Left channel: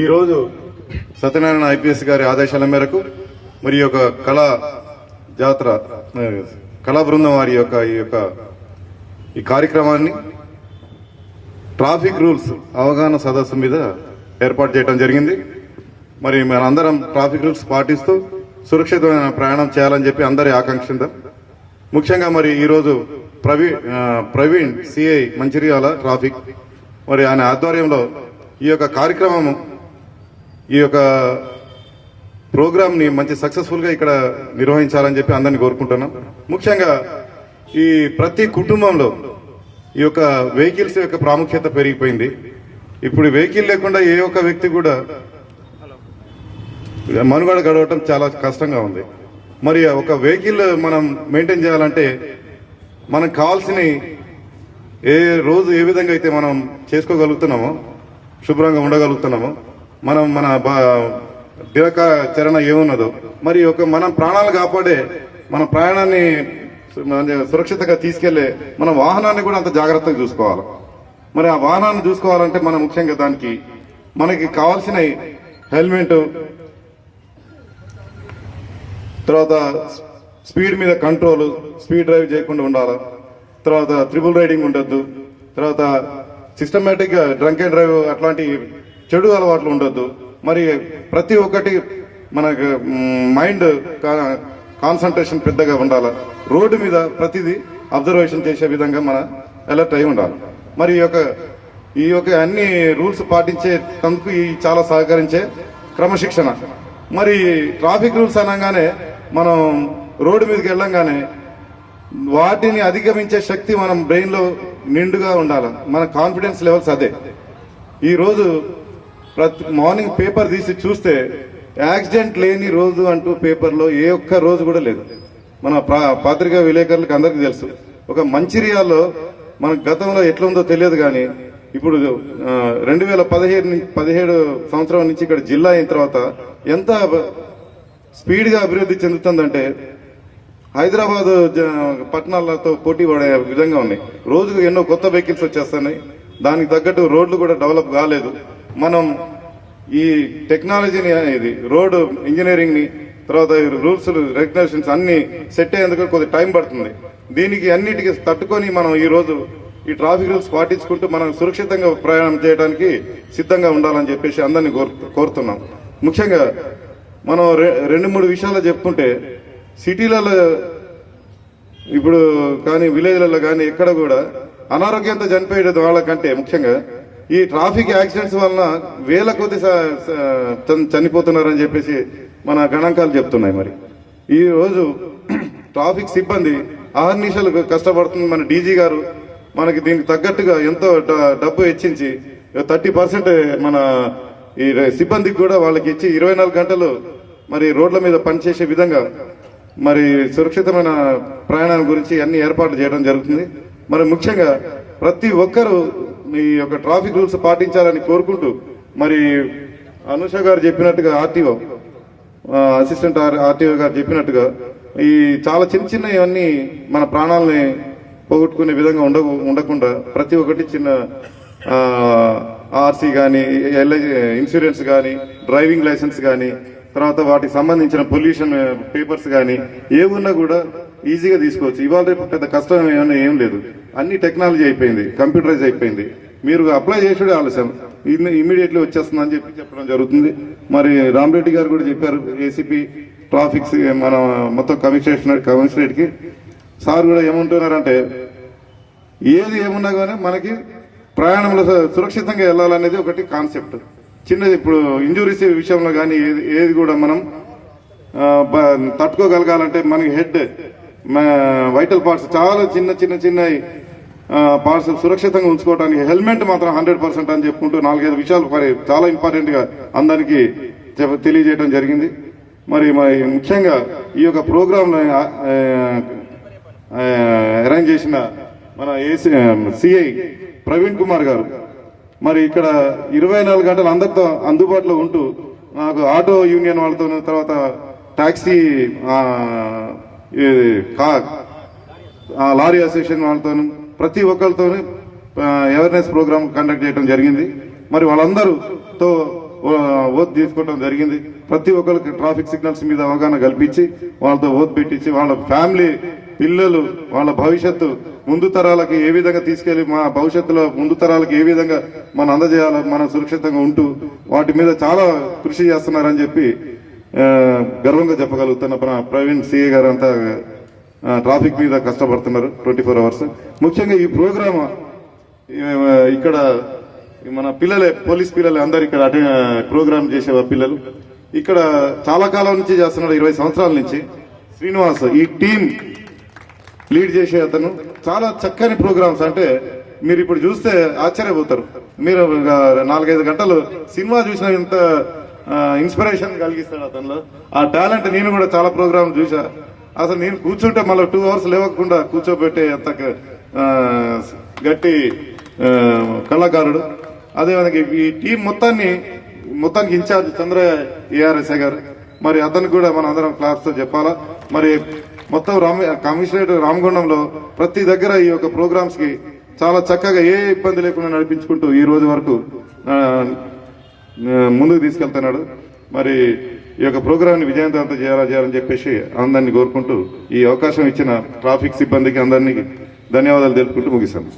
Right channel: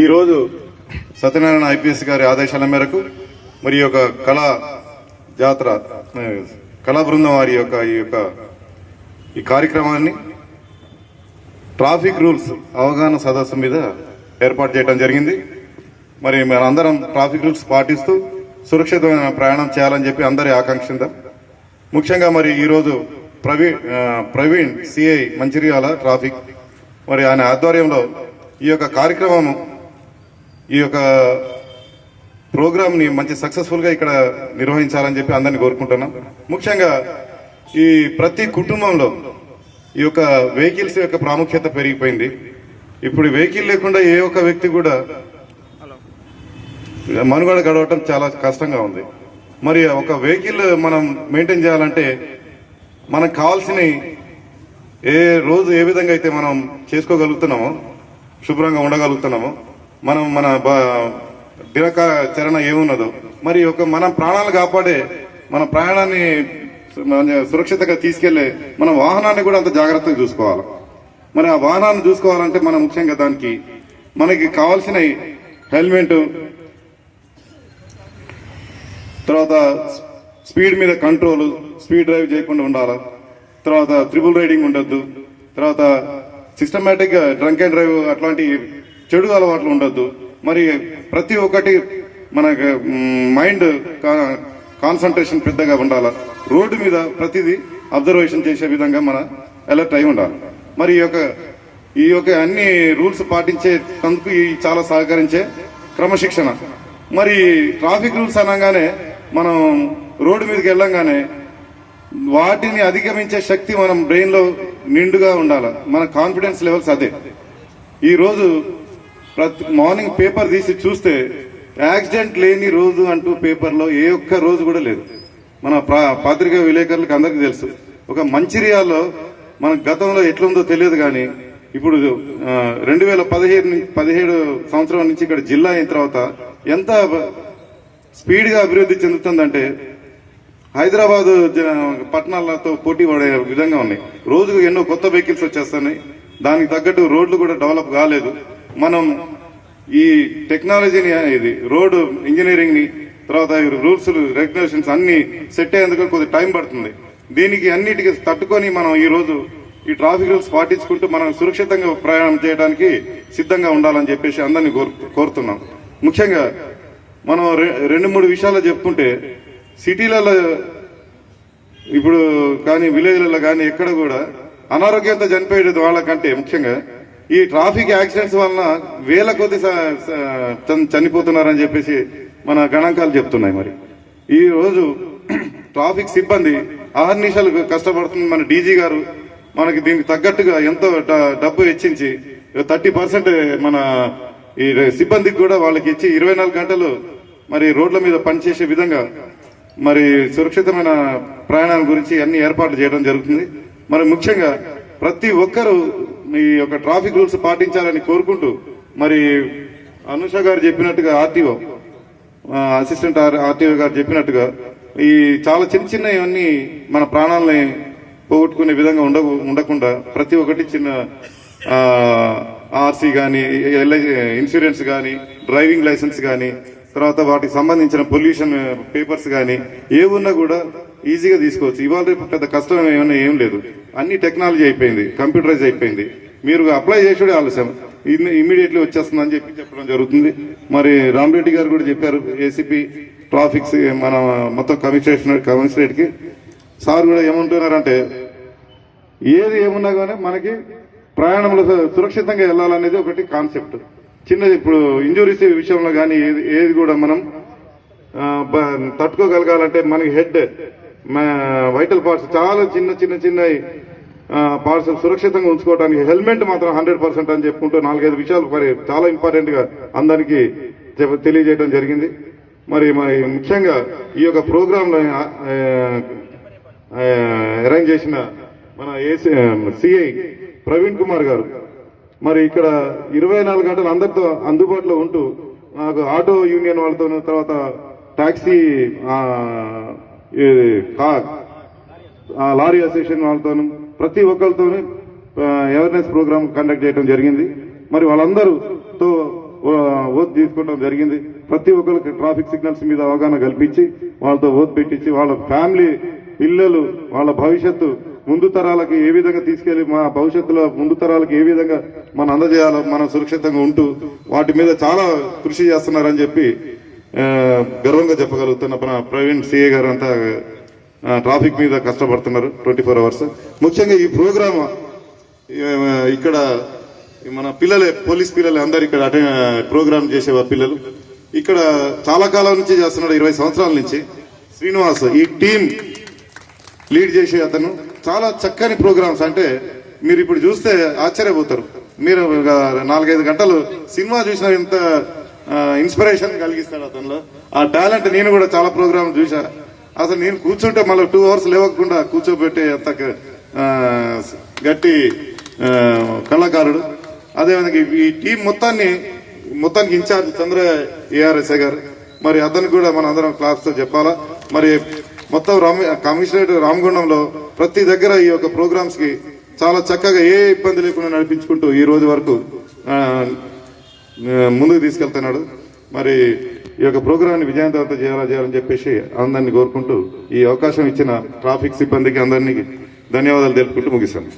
ఈరోజు సత్యనారాయణ ఐపీఎస్ గారి ఆదేశాల మేరకు మరి యొక్క కళా జాతర కళా బృందం వారి యొక్క ఈ కార్యక్రమాన్ని ట్రాఫిక్ రూల్స్ అవగాహన సదస్సు మీద ఏర్పాటు చేయడం జరిగింది. మరి మనందరం ట్రాఫిక్ రూల్స్ పాటిస్తూ సురక్షితమైన ప్రయాణం చేయాలని చెప్పి అందరి ఆకాంక్షిద్దాం. ముఖ్యంగా మరి ఈరోజు ప్రవీణ్ సిఐ మంచిర్యాల ట్రాఫిక్ మరి ఆయన ఆధ్వర్యంలో ఈ యొక్క కార్యక్రమం ఈ యొక్క ప్రోగ్రామ్ ని మంచి సక్సెస్ఫుల్ గా ఇక్కడ నిర్వహించాలని చెప్పి అందరినీ కోరుకుంటున్నాం. ముఖ్యంగా ఈ ప్రతి కుటుంబంలో ఈ యొక్క వెహికల్స్ యొక్క ప్రాముఖ్యత పెరిగిపోయింది. ఇప్పుడు వెహికల్ లేకుండా ఏ ఒక్క వ్యక్తి కూడా మనుగడ గడవటం చాలా కష్టంగా ఉంది. మరి ఒక వెహికల్ మనం మెయింటైన్ చేయాలంటే మనకు కావాల్సిన రోజు ఏ విధంగా అయితే మనం చేసుకోగలుగుతున్నామో, శుభ్రంగా ఉండగలుగుతున్నామో, మన దినచరణ ఏమున్నదో మరి మనం ప్రాణాలు కాపాడే మన ప్రయాణాన్ని సురక్షితంగా తీసుకెళ్లే మన వాహనాన్ని కూడా అంత జాగ్రత్తగా చూసుకోవాలి. మరి ఆ వాహనాన్ని చూసుకోవాలంటే మనం ముఖ్యంగా దానికి మనకి కావాల్సిన హెల్మెట్, తర్వాత స్పీడ్ మీద కంట్రోల్, స్పీడ్ డ్రైవ్ చేయకుండా ఉండాలి, తర్వాత ట్రిపుల్ రైడింగ్ ఉండొద్దు, తర్వాత సిస్టమేటిక్ గా డ్రంక్ అండ్ డ్రైవ్ అట్లాంటి చెడు అలవాట్లు ఉండొద్దు. మరి ప్రతి ఒక్కటి మనకు మైండ్ కాన్సన్ట్రేషన్ పెద్దగా ఉండాలి. రోడ్డు మీద ప్రతిదీ అబ్జర్వేషన్ చేసే విధంగా మన అలర్ట్ అయి ఉండాలి. మరి ఈ యొక్క అన్ని రూల్స్ పాటించే తందుకు చాలా సహకరించే క్రమశిక్షణ. మరి ట్రాఫిక్ రూల్స్ అనగానే మనం రోడ్డు మీదకి వెళ్ళంగానే వాటిని అధిగమించే శక్తి మనం బ్రెయిన్ లో నిండుగా ఉండాలి. మన కాన్ఫిడెన్స్ లెవెల్స్ అదే. ఈ రోజు మార్నింగ్ పేపర్ తీసి చూస్తే యాక్సిడెంట్ లేని రోజు అంటూ పేపర్లో ఏ ఒక్క రోజు కూడా లేదు. మన పత్రికా విలేకరులకు అందరికీ తెలుసు. ఒక మంచిర్యాలలో మన గతంలో ఎట్లుందో తెలియదు కానీ ఇప్పుడు 2017 సంవత్సరం నుంచి ఇక్కడ జిల్లా అయిన తర్వాత ఎంత స్పీడ్ గా అభివృద్ధి చెందుతుందంటే హైదరాబాద్ పట్టణాలతో పోటీ పడే విధంగా ఉన్నాయి. రోజుకు ఎన్నో కొత్త వెహికల్స్ వచ్చేస్తున్నాయి. దానికి తగ్గట్టు రోడ్లు కూడా డెవలప్ కాలేదు. మనం ఈ టెక్నాలజీని, ఇది రోడ్ ఇంజనీరింగ్ ని, తర్వాత రూల్స్ రెగ్యులేషన్స్ అన్ని సెట్ అయ్యేందుకు కొద్దిగా టైం పడుతుంది. దీనికి అన్నిటికీ తట్టుకొని మనం ఈ రోజు ఈ ట్రాఫిక్ రూల్స్ పాటించుకుంటూ మనం సురక్షితంగా ప్రయాణం చేయడానికి సిద్ధంగా ఉండాలని చెప్పేసి అందరినీ కోరుతున్నాం. ముఖ్యంగా మనం 2-3 విషయాలు చెప్పుకుంటే సిటీలలో ఇప్పుడు కానీ విలేజ్లలో కానీ ఎక్కడ కూడా అనారోగ్యంతో చనిపోయేది వాళ్ళకంటే ముఖ్యంగా ఈ ట్రాఫిక్ యాక్సిడెంట్స్ వలన వేల కొద్ది చనిపోతున్నారని చెప్పేసి మన గణాంకాలు చెప్తున్నాయి. మరి ఈ రోజు ట్రాఫిక్ సిబ్బంది అహర్నిశలు కష్టపడుతుంది. మన డీజీ గారు మనకి దీనికి తగ్గట్టుగా ఎంతో డబ్బు హెచ్చించి 30% మన ఈ సిబ్బందికి కూడా వాళ్ళకి ఇచ్చి 24 గంటలు మరి రోడ్ల మీద పనిచేసే విధంగా మరి సురక్షితమైన ప్రయాణాల గురించి అన్ని ఏర్పాట్లు చేయడం జరుగుతుంది. మరి ముఖ్యంగా ప్రతి ఒక్కరూ ఈ యొక్క ట్రాఫిక్ రూల్స్ పాటించాలని కోరుకుంటూ మరి అనుష గారు చెప్పినట్టుగా ఆర్టీఓ అసిస్టెంట్ ఆర్టీఓ గారు చెప్పినట్టుగా ఈ చాలా చిన్న ఇవన్నీ మన ప్రాణాలని పోగొట్టుకునే విధంగా ఉండకుండా ప్రతి ఒక్కటి చిన్న ఆర్సీ కానీ, ఇన్సూరెన్స్ కానీ, డ్రైవింగ్ లైసెన్స్ కానీ, తర్వాత వాటికి సంబంధించిన పొల్యూషన్ పేపర్స్ కానీ ఏమున్నా కూడా ఈజీగా తీసుకోవచ్చు. ఇవాళ రేపు పెద్ద కష్టం ఏమన్నా ఏం లేదు. అన్ని టెక్నాలజీ అయిపోయింది, కంప్యూటరైజ్ అయిపోయింది. మీరు అప్లై చేసుడే ఆలస్యం, ఇమీడియట్లీ వచ్చేస్తుందని చెప్పడం జరుగుతుంది. మరి రామరెడ్డి గారు కూడా చెప్పారు, ఏసీపీ ట్రాఫిక్స్ మన మొత్తం కమిషనరేట్ కి సార్ కూడా ఏమంటున్నారంటే ఏది ఏమున్నా కానీ మనకి ప్రయాణంలో సురక్షితంగా వెళ్లాలనేది ఒకటి కాన్సెప్ట్. చిన్నది ఇప్పుడు ఇంజురీస్ విషయంలో కానీ ఏది కూడా మనం తట్టుకోగలగాలంటే మనకి హెడ్, వైటల్ పార్ట్స్ చాలా చిన్న పార్ట్స్ సురక్షితంగా ఉంచుకోవడానికి హెల్మెట్ మాత్రం 100% అని చెప్పుకుంటూ 4-5 విషయాలు చాలా ఇంపార్టెంట్ గా అందరికీ తెలియజేయడం జరిగింది. మరి ముఖ్యంగా ఈ యొక్క ప్రోగ్రామ్ అరేంజ్ చేసిన మన సిఐ ప్రవీణ్ కుమార్ గారు మరి ఇక్కడ 24 గంటలు అందరితో అందుబాటులో ఉంటూ నాకు ఆటో యూనియన్ వాళ్ళతో, తర్వాత టాక్సీ లారీ అసోసియేషన్ వాళ్ళతో ప్రతి ఒక్కరితో అవేర్నెస్ ప్రోగ్రామ్ కండక్ట్ చేయడం జరిగింది. మరి వాళ్ళందరూతో ఓత్ తీసుకోవడం జరిగింది. ప్రతి ఒక్కరికి ట్రాఫిక్ సిగ్నల్స్ మీద అవగాహన కల్పించి వాళ్ళతో ఓత్ పెట్టించి వాళ్ళ ఫ్యామిలీ పిల్లలు వాళ్ళ భవిష్యత్తు ముందు తరాలకి ఏ విధంగా తీసుకెళ్లి మా భవిష్యత్తులో ముందు తరాలకు ఏ విధంగా మనం అందజేయాలో మనం సురక్షితంగా ఉంటూ వాటి మీద చాలా కృషి చేస్తున్నారని చెప్పి గర్వంగా చెప్పగలుగుతున్న ప్రవీణ్ సిఏ గారు అంతా ట్రాఫిక్ మీద కష్టపడుతున్నారు 24 అవర్స్. ముఖ్యంగా ఈ ప్రోగ్రామ్ ఇక్కడ మన పిల్లలే పోలీస్ పిల్లలే అందరు ఇక్కడ ప్రోగ్రామ్ చేసే పిల్లలు ఇక్కడ చాలా కాలం నుంచి చేస్తున్నాడు, 20 సంవత్సరాల నుంచి. శ్రీనివాస్ ఈ టీం లీడ్ చేసే అతను చాలా చక్కని ప్రోగ్రామ్స్, అంటే మీరు ఇప్పుడు చూస్తే ఆశ్చర్యపోతారు. మీరు 4-5 గంటలు సినిమా చూసిన ఎంత ఇన్స్పిరేషన్ కలిగిస్తాడు అతనిలో. ఆ టాలెంట్ నేను కూడా చాలా ప్రోగ్రామ్ చూసా. అసలు నేను కూర్చుంటే మళ్ళీ 2 అవర్స్ లేవకుండా కూర్చోబెట్టే అంత గట్టి కళాకారుడు. అదేవిధంగా ఈ టీం మొత్తానికి ఇన్ఛార్జ్ చంద్ర ఏఆర్ఎస్ఐ గారు, మరి అతనికి కూడా మన అందరం క్లాస్ తో చెప్పాలా. మరి మొత్తం కమిషనరేట్ రామగుండంలో ప్రతి దగ్గర ఈ యొక్క ప్రోగ్రామ్స్ కి చాలా చక్కగా ఏ ఇబ్బంది లేకుండా నడిపించుకుంటూ ఈ రోజు వరకు ముందుకు తీసుకెళ్తున్నాడు. మరి ఈ యొక్క ప్రోగ్రామ్ ని విజయవంతం చేయాలని చెప్పేసి అందరినీ కోరుకుంటూ ఈ అవకాశం ఇచ్చిన ట్రాఫిక్ సిబ్బందికి అందరినీ ధన్యవాదాలు తెలుపుకుంటూ ముగిస్తాను.